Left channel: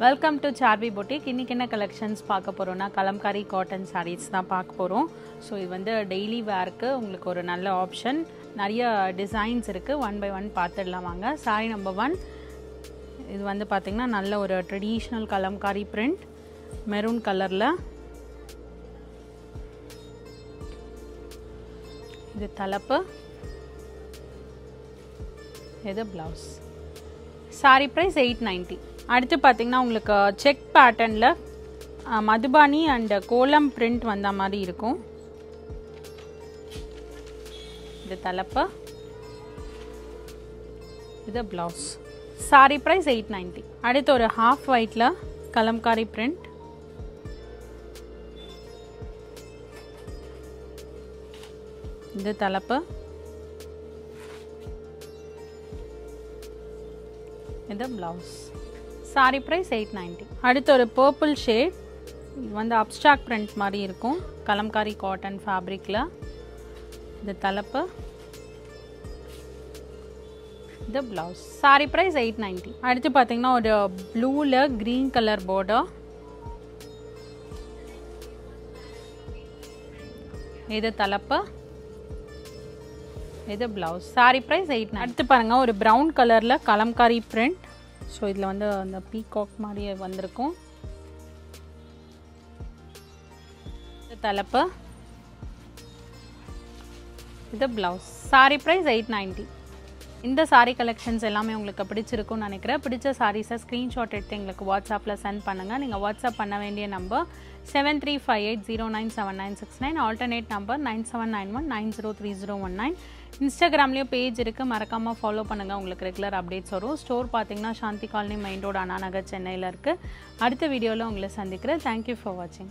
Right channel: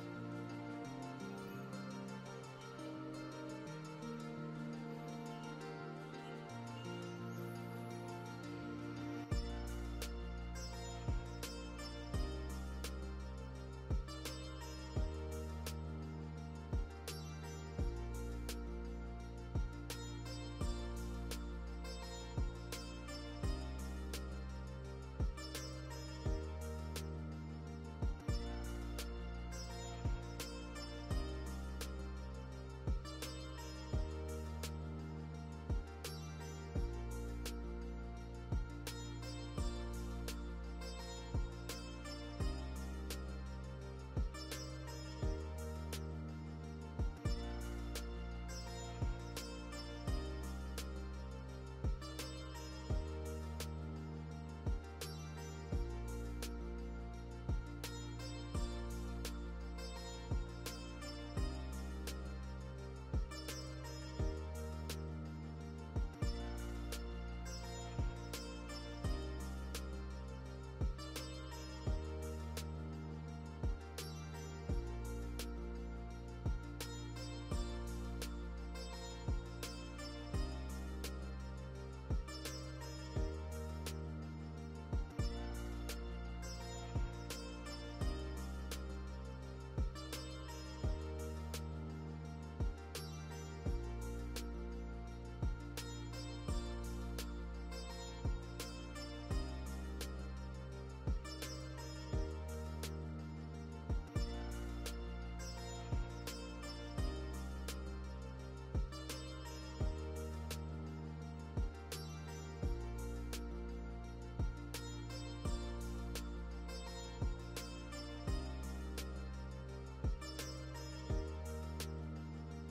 Welcome to Saarvi boutique. இன்றைக்கி என்ன collections பார்க்க போகிறோன்னா கலம்காரி காட்டன் சாரீஸ் தான் பார்க்க போகிறோம். ஸோ இது வந்து டெய்லி வேர்க்கு உங்களுக்கு ஒரு நல்ல ஆப்ஷன். நிறைய டிசைன்ஸ் இருக்குது, ஒன் பை ஒன் பார்த்துடலாம் வாங்க. சாரீ நம்பர் 1 இது வந்து பார்த்திங்கன்னா நல்ல ஒரு ட்ரெடிஷ்னல் கலம்காரி பிரிண்ட், மெரூன் கலரில். இது தலைப்பு, இது ப்ளவுஸ். சாரீ ப்ரைஸ் 890. அடுத்து பார்த்திங்கன்னா உங்களுக்கு செக் பேட்டர்னில் மதுபானி அண்ட் கோலம் பிரிண்ட் வந்த மாதிரி இருக்கும். இது தலைப்பு, இது ப்ளவுஸ். சாரீ ப்ரைஸ் 890. அடுத்து ஒரு ஹாஃப் ஒயிட்டில் கலம்காரி பிரிண்ட், இது தலைப்பு, இது ப்ளவுஸ். சாரீ ப்ரைஸ் 890. அடுத்து ஒரு பர்பிள் ஷேட், இது வந்து அப்ஸ்ட்ராக்ட் பிரிண்ட் மாதிரி இருக்கும், கலம்காரி காட்டன் ஃபேப்ரிக்கில். இது தலைப்பு, இது ப்ளவுஸ். சாரீ ப்ரைஸ் 890. அடுத்து பார்த்தீங்கன்னா ஒரு ப்ளூவில் க்ரீன் கலர் பார்டர், இது தலைப்பு, இது ப்ளவுஸ். சாரீ ப்ரைஸ் 890. அடுத்து பாருங்கள் ஒரு ப்ரௌன் கலரில் கலம்காரி பிரிண்ட். ஸோ இதில் வந்து அந்த பீகாக் மாதிரியே வந்திருக்கும். இது தலைப்பு, இது ப்ளவுஸ். சாரீ ப்ரைஸ் 890. இந்த சாரீ கலெக்ஷன்ஸ் எல்லாமே உங்களுக்கு பிடிச்சிருக்கும்னு நினைக்கிறேன். பிடிச்ச சாரீஸை ஸ்க்ரீன்ஷாட் எடுத்து எங்களுக்கு வாட்ஸ்அப்பில் சென்ட் பண்ணுங்கள். நீங்கள் வாட்ஸ்அப் பண்ண வேண்டிய நம்பர் 7358097969, ஆல்டர்னேட் நம்பர் 9791903019. இன்ஸ்டாகிராம்லேயும் பேஜ் இருக்குது, மறக்காமல் ஃபாலோ பண்ணுங்கள், உங்களுக்கு ரெகுலர் அப்டேட்ஸ் வரும். ஸ்டோர் பார்த்தீங்கன்னா சாந்தி colony main road, Anna Nagar, சென்னையில் இருக்குது. அடுத்த வீடியோவில் உங்களை சந்திக்கிறேன். தேங்க்யூ ஃபார் வாட்சிங்.